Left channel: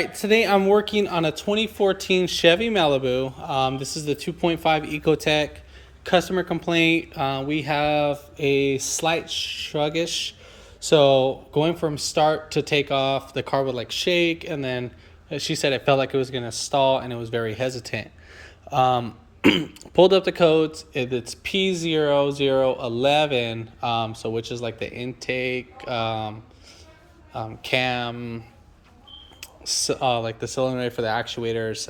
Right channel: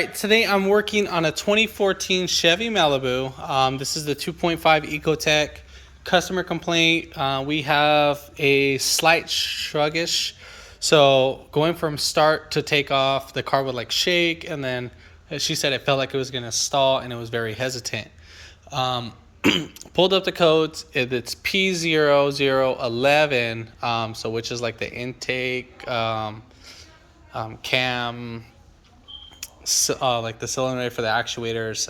Today I'm working on a 2014 Chevy Malibu. This is the 2.5 Ecotech. Customer complaint, we have a slight sluggish. So going from start to take off, the car would like shake, and then she said it felt like it was going to stall and it was very hesitant. Pulled up the codes, it's p0011, so which is like the intake, cam, like the solenoid for the actuators.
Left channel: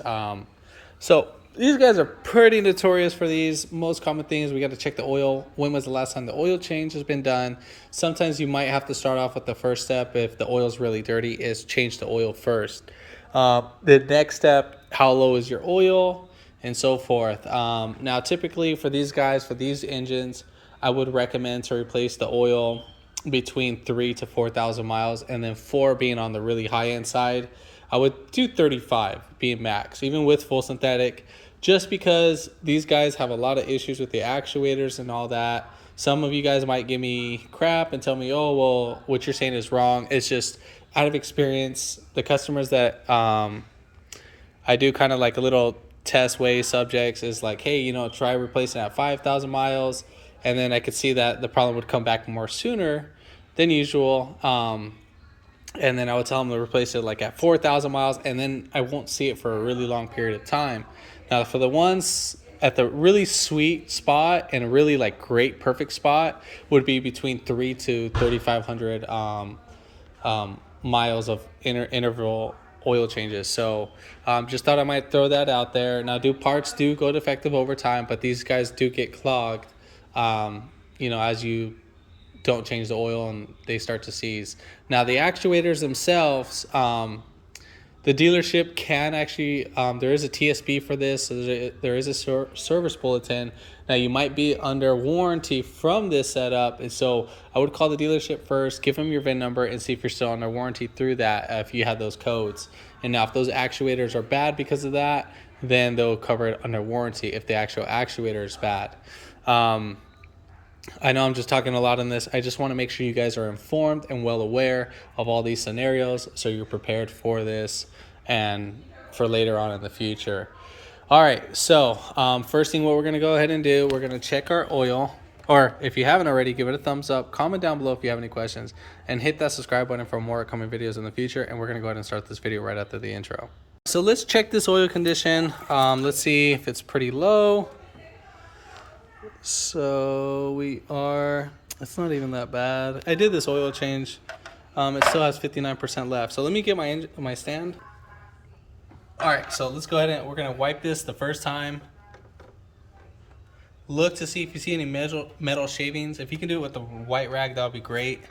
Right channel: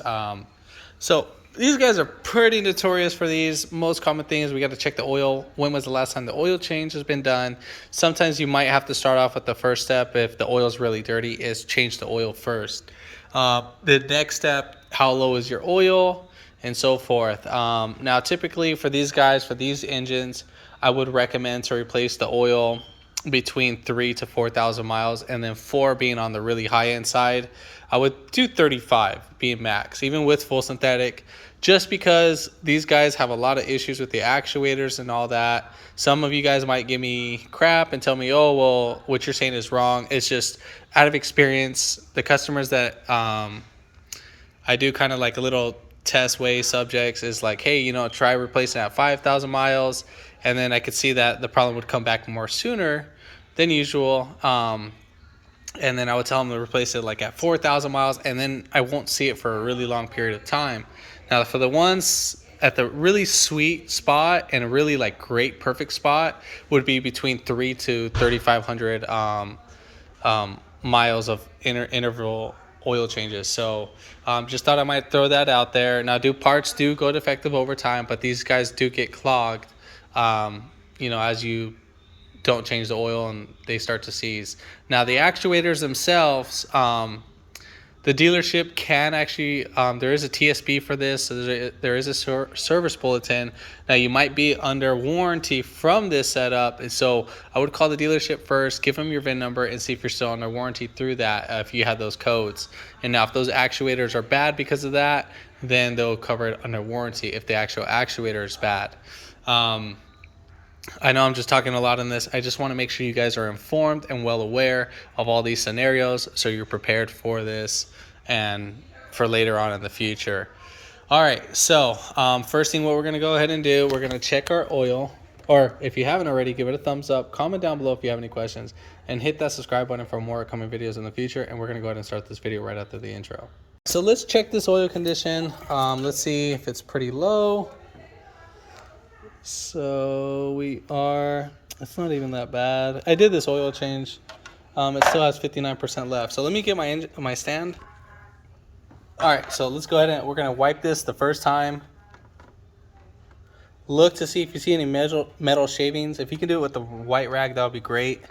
So these guys are pretty notorious for these. Most common thing is we got to check the oil. When was the last time the oil change has been done? Sometimes you might have to start off with the first step if the oil is really dirty, is change the oil first. The next step, how low is your oil, and so forth. Now typically for these guys, for these engines, I would recommend to replace the oil between 3,000 to 4,000 miles, and then 4 being on the really high end side. I would do 35 being max, even with full synthetic, just because these guys have a lot of issues with the actuators and all that. Some of you guys might give me crap and tell me, oh, well, what you're saying is wrong. It's just out of experience. The customers that I do kind of like a little test way subjects is like, hey, you know, try replacing at 5,000 miles. And then I could see that the problem would come back more sooner than usual. And then I would tell them to replace it like at 4,000 miles, and then I won't see it for a really long period of time. Now, for the ones at the really sweet spot and a really like great perfect spot would be between 3 to 3,500 miles of interval oil changes. So just thought I might throw that out there. Now, parts do go defective over time, but these guys do get clogged, you know, as you don't change the oil and they start to seize. Now the actuators themselves, the dealership can actually, there is a TSB for this, so there is a service bulletin. Now you might be under warranty from this setup, and so I would call the dealership first, give them your VIN number, and see if you're still under warranty through that, if you have those codes. And now if those actuators are bad because of that, then they'll cover it under warranty if the actual actuator is bad. I know I'm just talking a lot on this. I just want to make sure you guys are informed and well aware of all these scenarios so you're prepared for this and for later on in the future. All right, so first thing what we're going to go ahead and do, we're going to check our oil. Or if you haven't already, give it a thumbs up. Comment down below if you have any questions. And hit that subscribe button for more upcoming videos in the future. And we're going to go ahead and start this video right after the intro. So let's check this oil condition. Let's see if it's pretty low. So it's not even that bad. I did this oil change. It still has 59% left. So let me get my stand. All right, so let's go ahead and we're gonna wipe this the first time. Look to see if you see any metal shavings. If you can do it with the white rag, that would be great.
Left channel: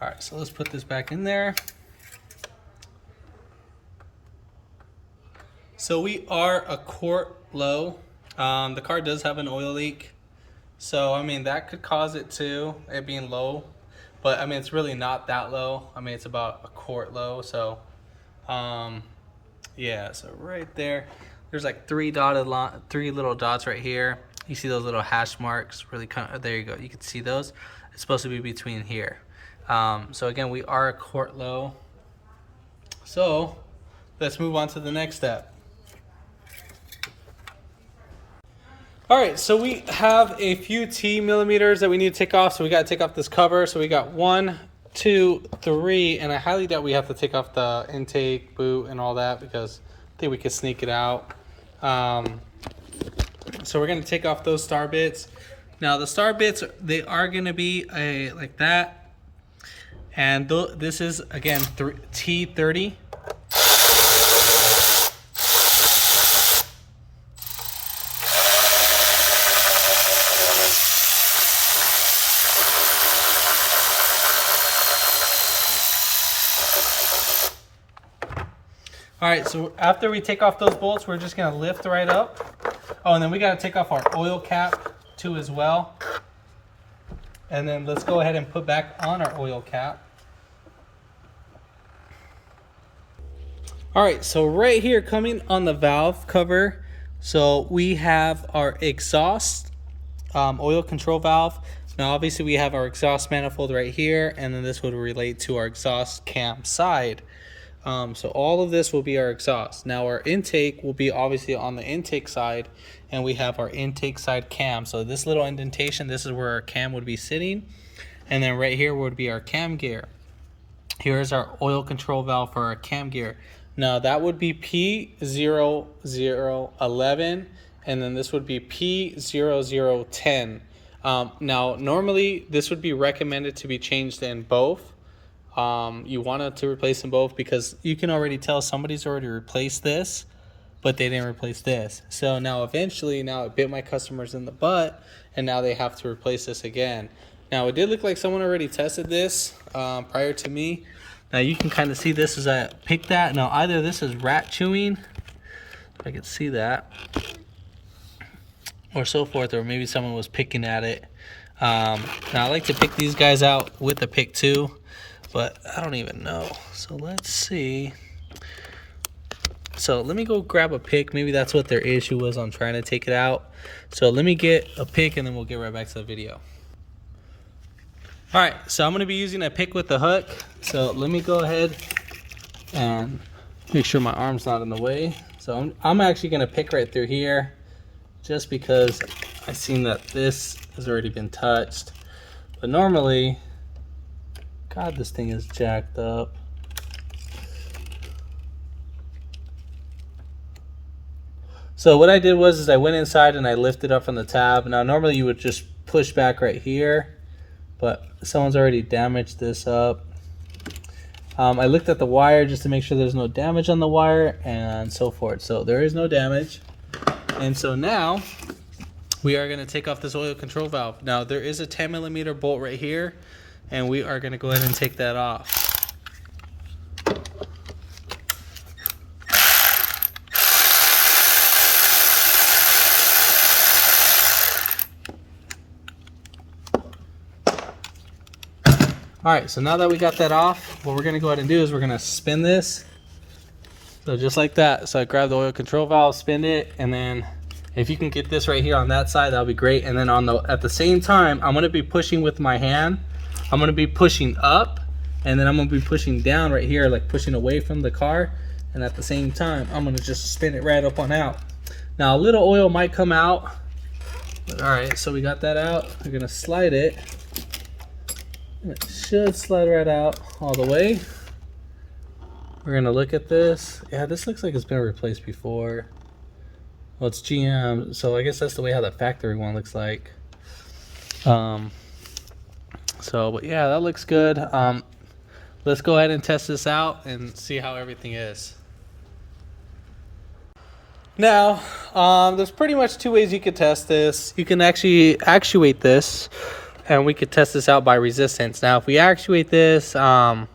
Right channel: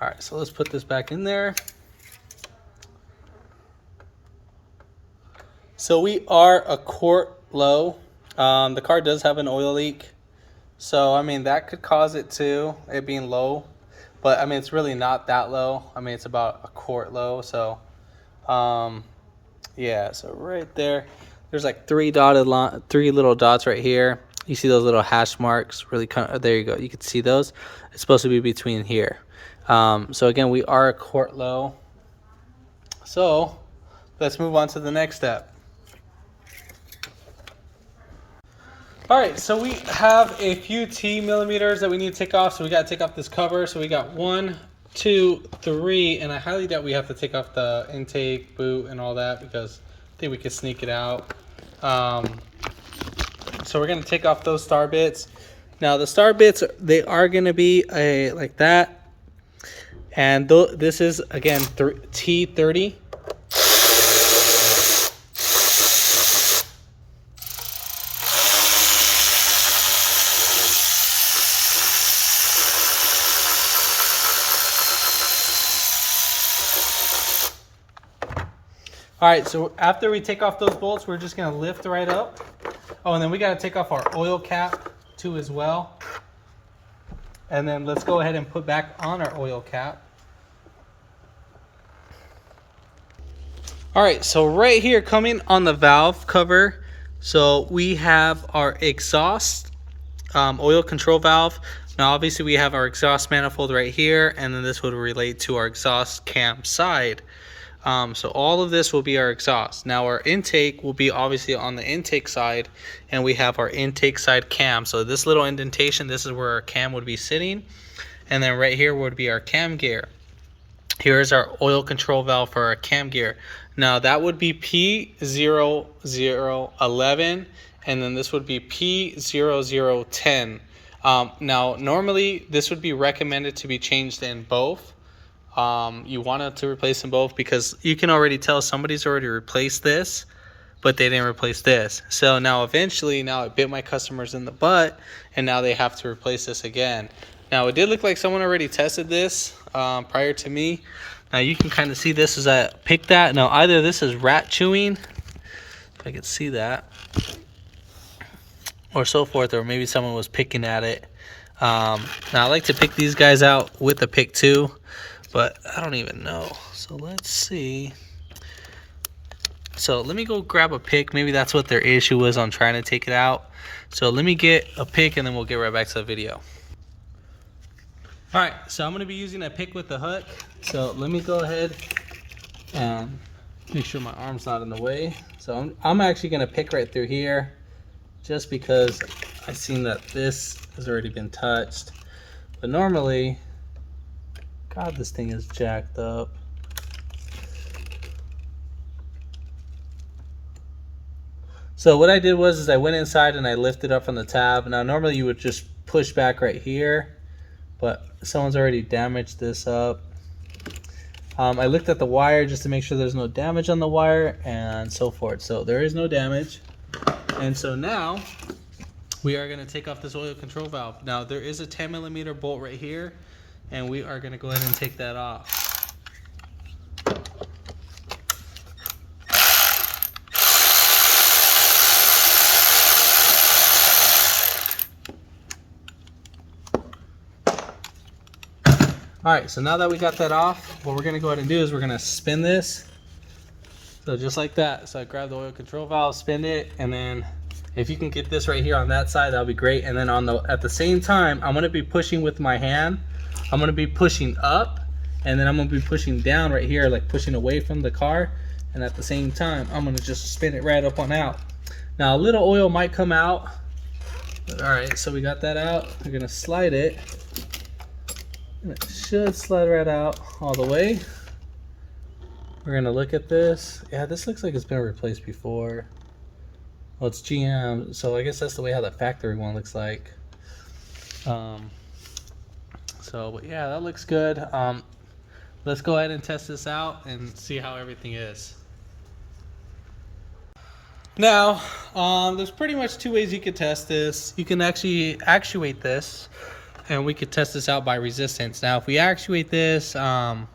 All right, so let's put this back in there. So we are a quart low. The car does have an oil leak. So, I mean, that could cause it too, it being low. But, I mean, it's really not that low. I mean, it's about a quart low. So, yeah, so right there, there's like three little dots right here. You see those little hash marks? Really, there you go. You can see those. It's supposed to be between here. So, again, we are a quart low. So, let's move on to the next step. All right, so we have a few T millimeters that we need to take off. So we got to take off this cover. So we got 1, 2, 3, and I highly doubt we have to take off the intake, boot, and all that because I think we could sneak it out. So we're gonna take off those star bits. Now the star bits, they are gonna be like that. And this is, again, T30. All right, so after we take off those bolts, we're just gonna lift right up. Oh, and then we gotta take off our oil cap too as well. And then let's go ahead and put back on our oil cap. All right, so right here coming on the valve cover, so we have our exhaust oil control valve. Now obviously we have our exhaust manifold right here, and then this would relate to our exhaust cam side. So all of this will be our exhaust. Now our intake will be obviously on the intake side, and we have our intake side cam. So this little indentation, this is where our cam would be sitting, and then right here would be our cam gear. Here's our oil control valve for our cam gear. Now that would be p0011, and then this would be p0010. Now normally this would be recommended to be changed in both. You wanted to replace them both because you can already tell somebody's already replaced this, but they didn't replace this. So now eventually, now it bit my customers in the butt, and now they have to replace this again. Now it did look like someone already tested this prior to me. Now you can kind of see this as I picked that. Now either this is rat chewing, if I could see that, or so forth, or maybe someone was picking at it. Now I like to pick these guys out with a pick too, but I don't even know. So let's see. So let me go grab a pick. Maybe that's what their issue was on trying to take it out. So let me get a pick and then we'll get right back to the video. All right, so I'm gonna be using a pick with the hook. So let me go ahead and make sure my arm's not in the way. So I'm actually gonna pick right through here just because I've seen that this has already been touched. But normally, God, this thing is jacked up. So what I did was I went inside and I lifted up from the tab. Now normally you would just push back right here, but someone's already damaged this up. I looked at the wire just to make sure there's no damage on the wire and so forth. So there is no damage. And so now we are gonna take off this oil control valve. Now there is a 10mm bolt right here, and we are gonna go ahead and take that off. All right, so now that we got that off, what we're gonna go ahead and do is we're gonna spin this. So just like that. So I grab the oil control valve, spin it, and then if you can get this right here on that side, that'll be great. And then at the same time, I'm gonna be pushing with my hand. I'm gonna be pushing up, and then I'm gonna be pushing down right here, like pushing away from the car. And at the same time, I'm gonna just spin it right up on out. Now a little oil might come out. But all right, so we got that out. We're gonna slide it. And it should slide right out all the way. We're gonna look at this. Yeah, this looks like it's been replaced before. Well, it's GM, so I guess that's the way how the factory one looks like. But yeah, that looks good. Let's go ahead and test this out and see how everything is. Now, there's pretty much two ways you could test this. You can actually actuate this, and we could test this out by resistance. Now, if we actuate this, I'll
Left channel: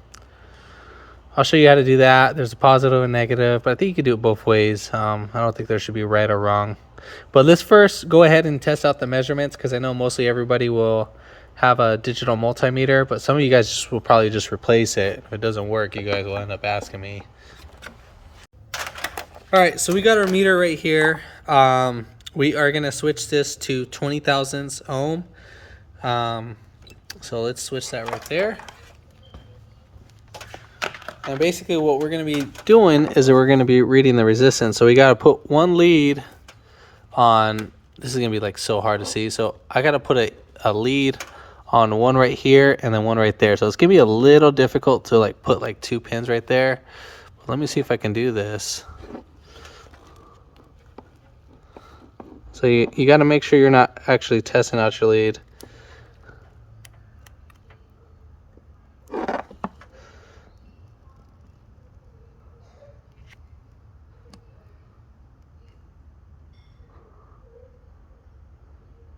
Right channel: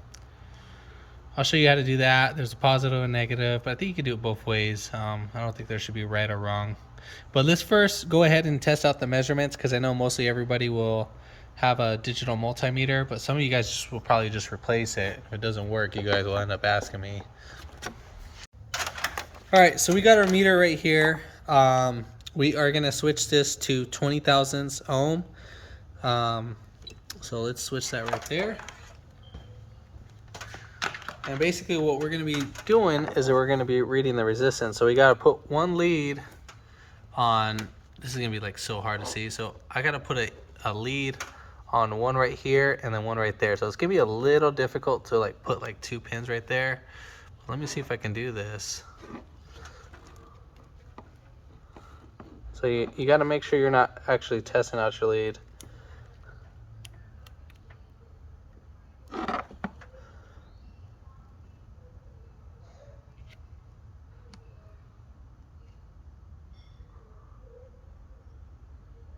show you how to do that. There's a positive and negative, but I think you could do it both ways. I don't think there should be right or wrong. But let's first go ahead and test out the measurements, because I know mostly everybody will have a digital multimeter, but some of you guys will probably just replace it. If it doesn't work, you guys will end up asking me. All right, so we got our meter right here. We are gonna switch this to 20 thousandths ohm. So let's switch that right there. And basically what we're going to be doing is that we're going to be reading the resistance. So we got to put one lead on, this is going to be like so hard to see. So I got to put a lead on one right here and then one right there. So it's going to be a little difficult to like put like two pins right there. But let me see if I can do this. So you got to make sure you're not actually testing out your lead.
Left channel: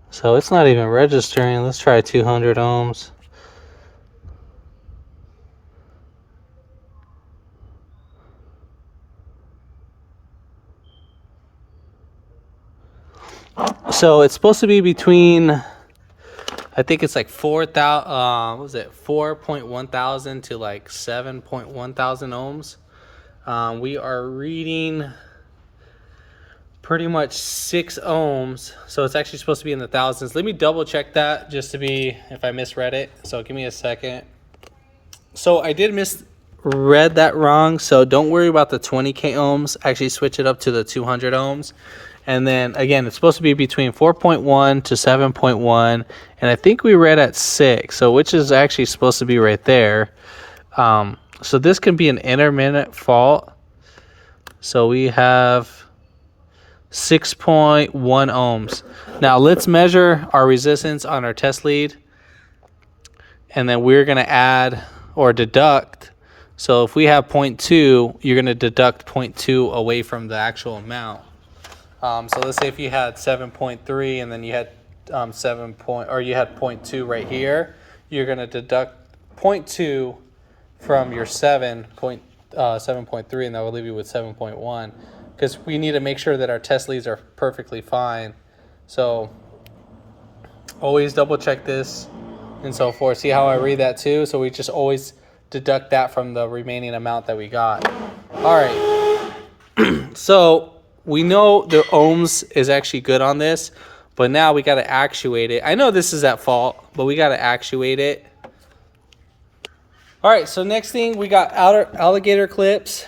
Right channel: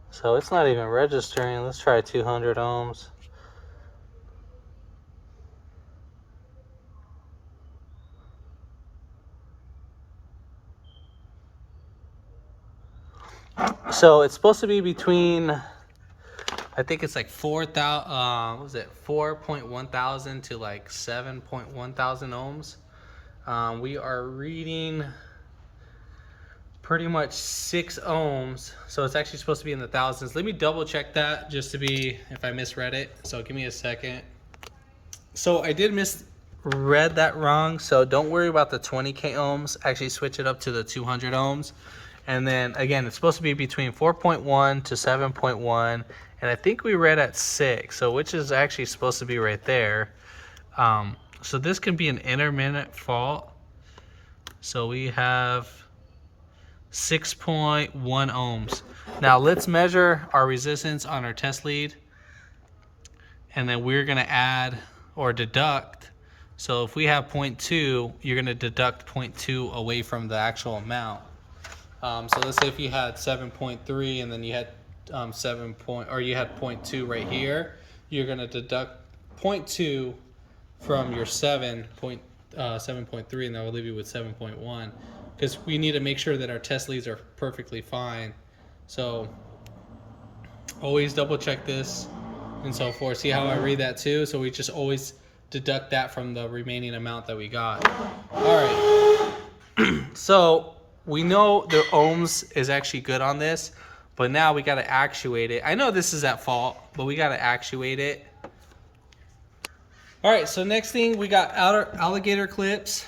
So it's not even registering. Let's try 200 ohms. So it's supposed to be between, I think it's like 4,000, what was it, 4.1 thousand to like 7.1 thousand ohms. We are reading pretty much 6 ohms, so it's actually supposed to be in the thousands. Let me double check that just to be if I misread it. So give me a second. So I did read that wrong, so don't worry about the 20k ohms. Actually switch it up to the 200 ohms. And then again, it's supposed to be between 4.1 to 7.1, and I think we read at 6, so which is actually supposed to be right there. So this can be an intermittent fault. So we have 6.1 ohms. Now let's measure our resistance on our test lead, and then we're going to add or deduct. So if we have 0.2, you're going to deduct 0.2 away from the actual amount. So let's say if you had 7.3 and then you had you had 0.2 right here, you're going to deduct 0.2 from your 7.3, and that will leave you with 7.1, because we need to make sure that our test leads are perfectly fine. So always double check this and so forth. See how I read that too? So we just always deduct that from the remaining amount that we got. All right. So we know the ohms is actually good on this, but now we got to actuate it. I know this is at fault, but we got to actuate it. All right, so next thing, we got alligator clips.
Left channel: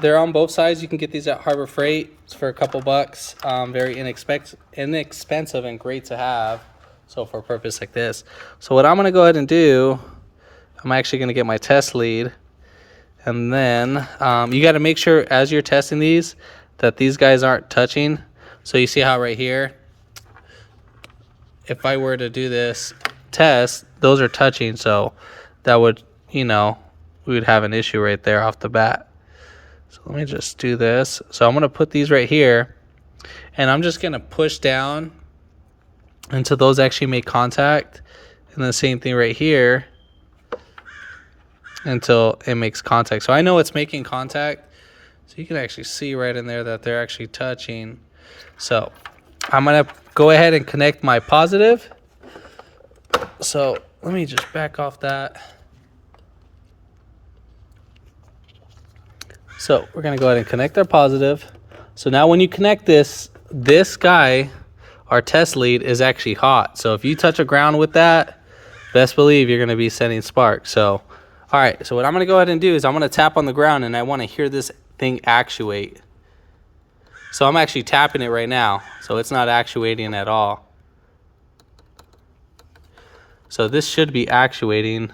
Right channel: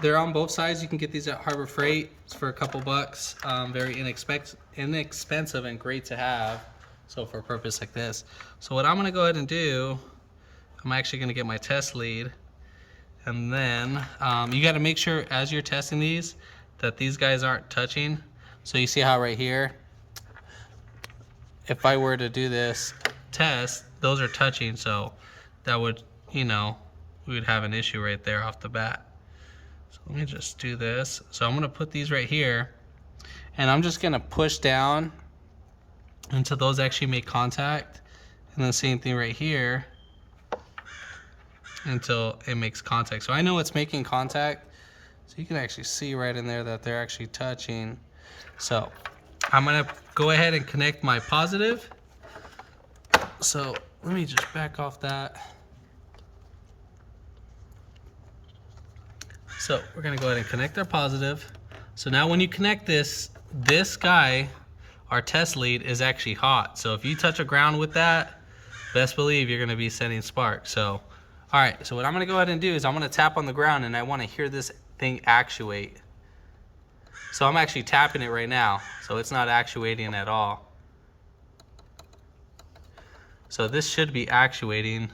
They're on both sides. You can get these at Harbor Freight. It's for a couple bucks. Very inexpensive and great to have. So for a purpose like this. So what I'm going to go ahead and do, I'm actually going to get my test lead. And then you got to make sure as you're testing these that these guys aren't touching. So you see how right here, if I were to do this test, those are touching. So that would, you know, we would have an issue right there off the bat. So let me just do this. So I'm going to put these right here, and I'm just going to push down until those actually make contact. And the same thing right here until it makes contact. So I know it's making contact. So you can actually see right in there that they're actually touching. So I'm going to go ahead and connect my positive. So let me just back off that. So we're going to go ahead and connect our positive. So now when you connect this guy, our test lead, is actually hot. So if you touch a ground with that, best believe you're going to be sending sparks. So, all right. So what I'm going to go ahead and do is I'm going to tap on the ground, and I want to hear this thing actuate. So I'm actually tapping it right now. So it's not actuating at all. So this should be actuating.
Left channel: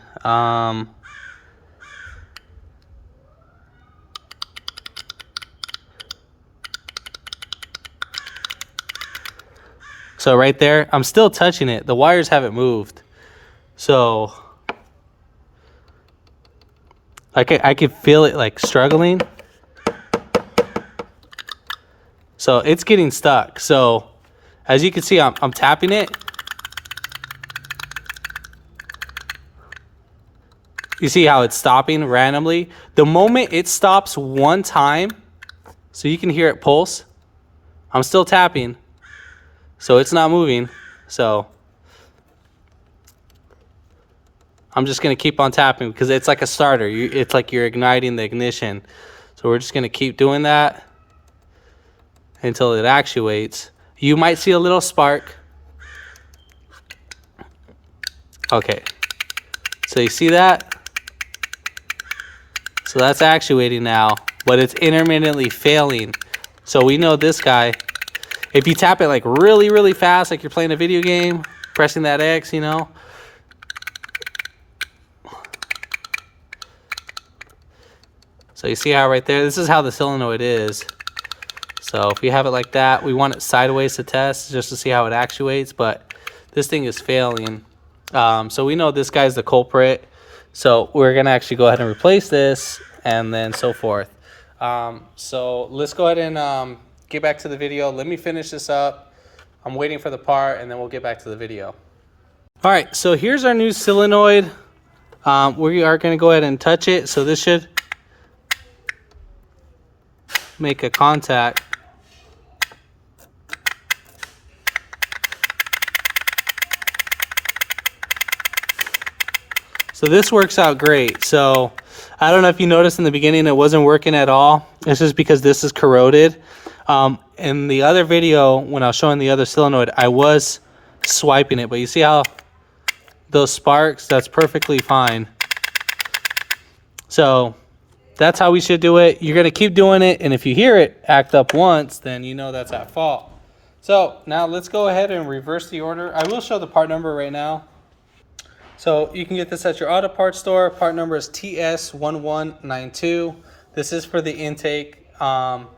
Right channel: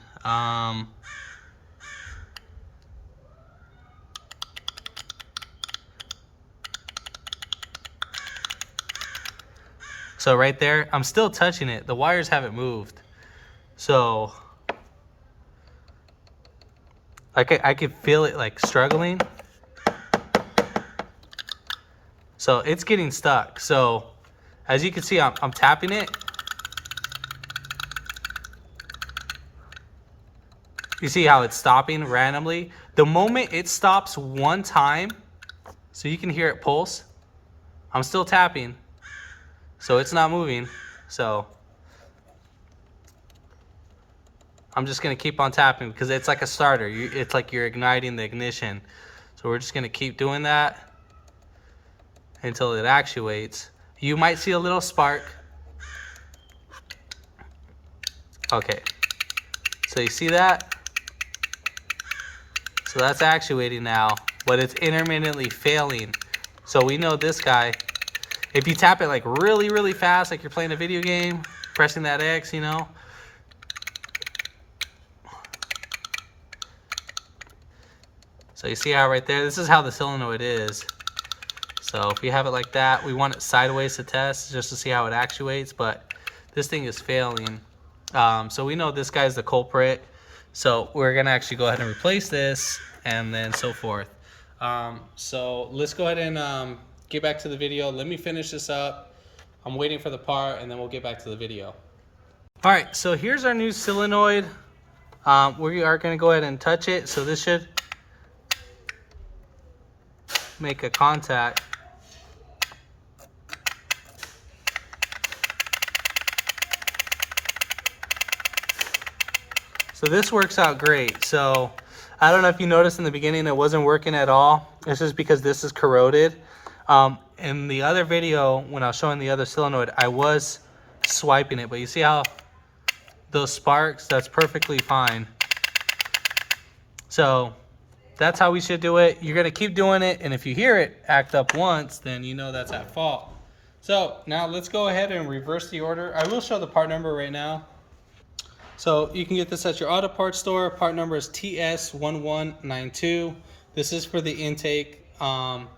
So right there, I'm still touching it. The wires haven't moved. So I could feel it like struggling. So it's getting stuck. So as you can see, I'm tapping it. You see how it's stopping randomly? The moment it stops one time, so you can hear it pulse, I'm still tapping. So it's not moving. So I'm just going to keep on tapping because it's like a starter. It's like you're igniting the ignition. So we're just going to keep doing that until it actuates. You might see a little spark. Okay. So you see that? So that's actuating now, but it's intermittently failing. So we know this guy, if you tap it like really, really fast, like you're playing a video game, pressing that X, you know. So you see how right there, this is how the solenoid is. So if you have it like that, we want it sideways to test just to see how it actuates, but this thing is failing. So we know this guy's the culprit. So we're gonna actually go ahead and replace this and then so forth. So let's go ahead and get back to the video. Let me finish this up. I'm waiting for the part and then we'll get back to the video. All right, so here's our new solenoid. We are gonna go ahead and touch it. So this should make a contact. So this works out great. So I don't know if you noticed in the beginning it wasn't working at all. It's just because this is corroded. In the other video, when I was showing the other solenoid, I was swiping it, but you see how those sparks, that's perfectly fine. So That's how we should do it. You're gonna keep doing it, and if you hear it act up once, then you know that's at fault. So now let's go ahead and reverse the order. I will show the part number right now. So you can get this at your auto parts store. Part number is TS1192. This is for the intake, and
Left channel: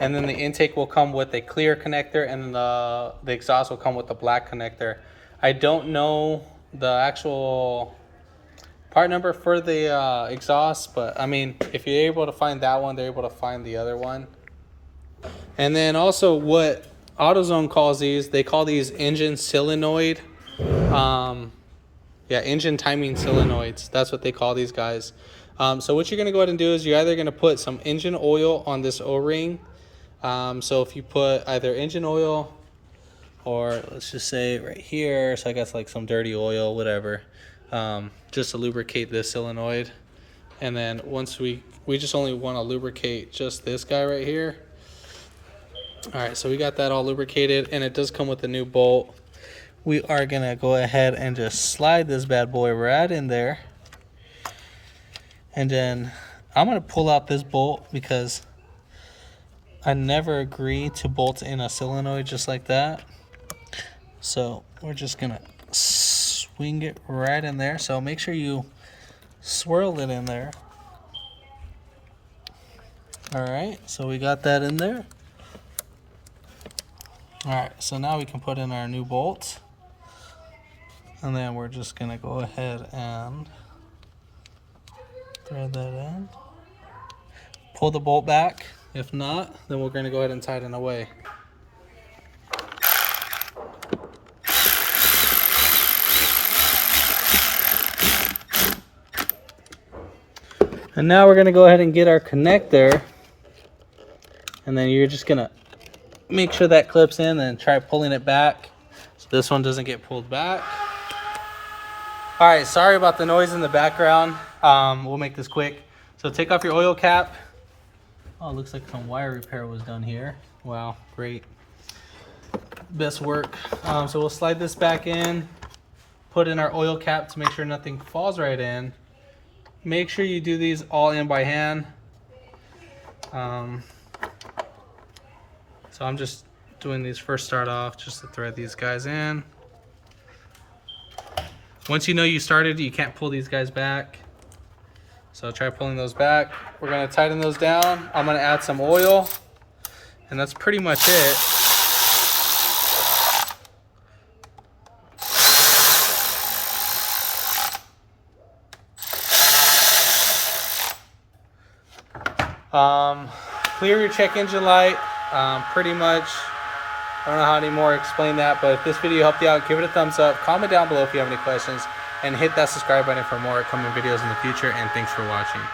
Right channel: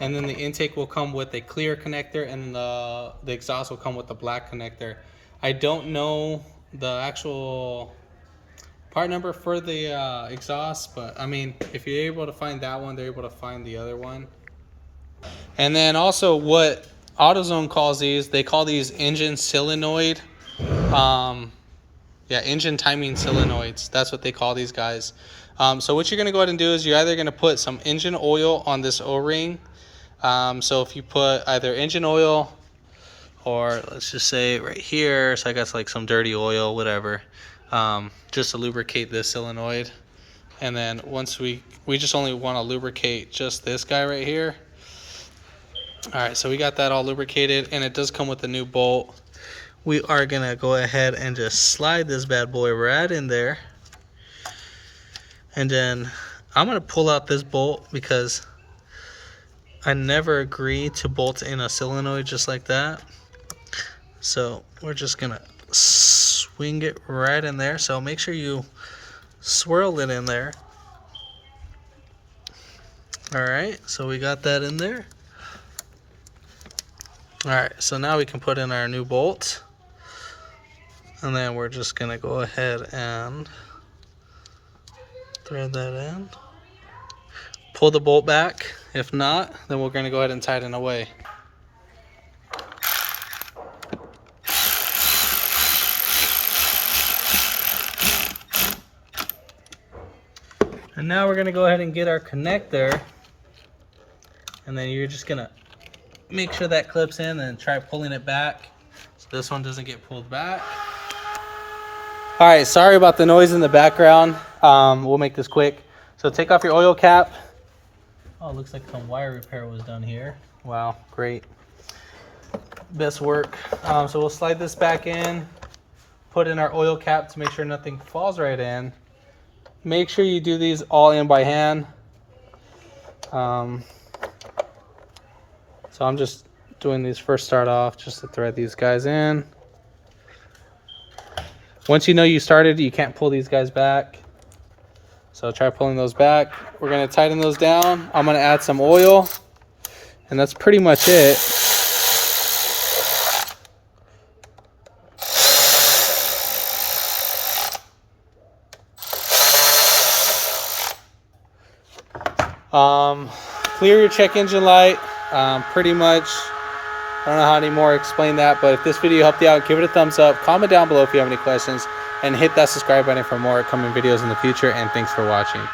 then the intake will come with a clear connector, and then the exhaust will come with a black connector. I don't know the actual part number for the exhaust, but I mean, if you're able to find that one, they're able to find the other one. And then also what AutoZone calls these, they call these engine solenoid. Yeah, engine timing solenoids. That's what they call these guys. So what you're going to go ahead and do is you're either going to put some engine oil on this O-ring. So if you put either engine oil, or let's just say right here, so I guess like some dirty oil, whatever, just to lubricate this solenoid. And then once we just only want to lubricate just this guy right here. All right, so we got that all lubricated, and it does come with a new bolt. We are gonna go ahead and just slide this bad boy right in there. And then I'm gonna pull out this bolt because I never agree to bolt in a solenoid just like that. So we're just gonna swing it right in there. So make sure you swirl it in there. All right, so we got that in there. All right, so now we can put in our new bolt. And then we're just gonna go ahead and thread that in. Pull the bolt back. If not, then we're gonna go ahead and tighten away. And now we're gonna go ahead and get our connector. And then you're just gonna make sure that clips in and try pulling it back so this one doesn't get pulled back. All right, sorry about the noise in the background. We'll make this quick. So take off your oil cap. Oh, it looks like some wire repair was done here. Wow, great. Best work. So we'll slide this back in, put in our oil cap to make sure nothing falls right in. Make sure you do these all in by hand. So I'm just doing these first start off just to thread these guys in. Once you know you started, you can't pull these guys back. So try pulling those back. We're gonna tighten those down. I'm gonna add some oil, and that's pretty much it. Clear your check engine light. Pretty much, I don't know how anymore explain that, but if this video helped you out, give it a thumbs up, comment down below if you have any questions, and hit that subscribe button for more upcoming videos in the future, and thanks for watching.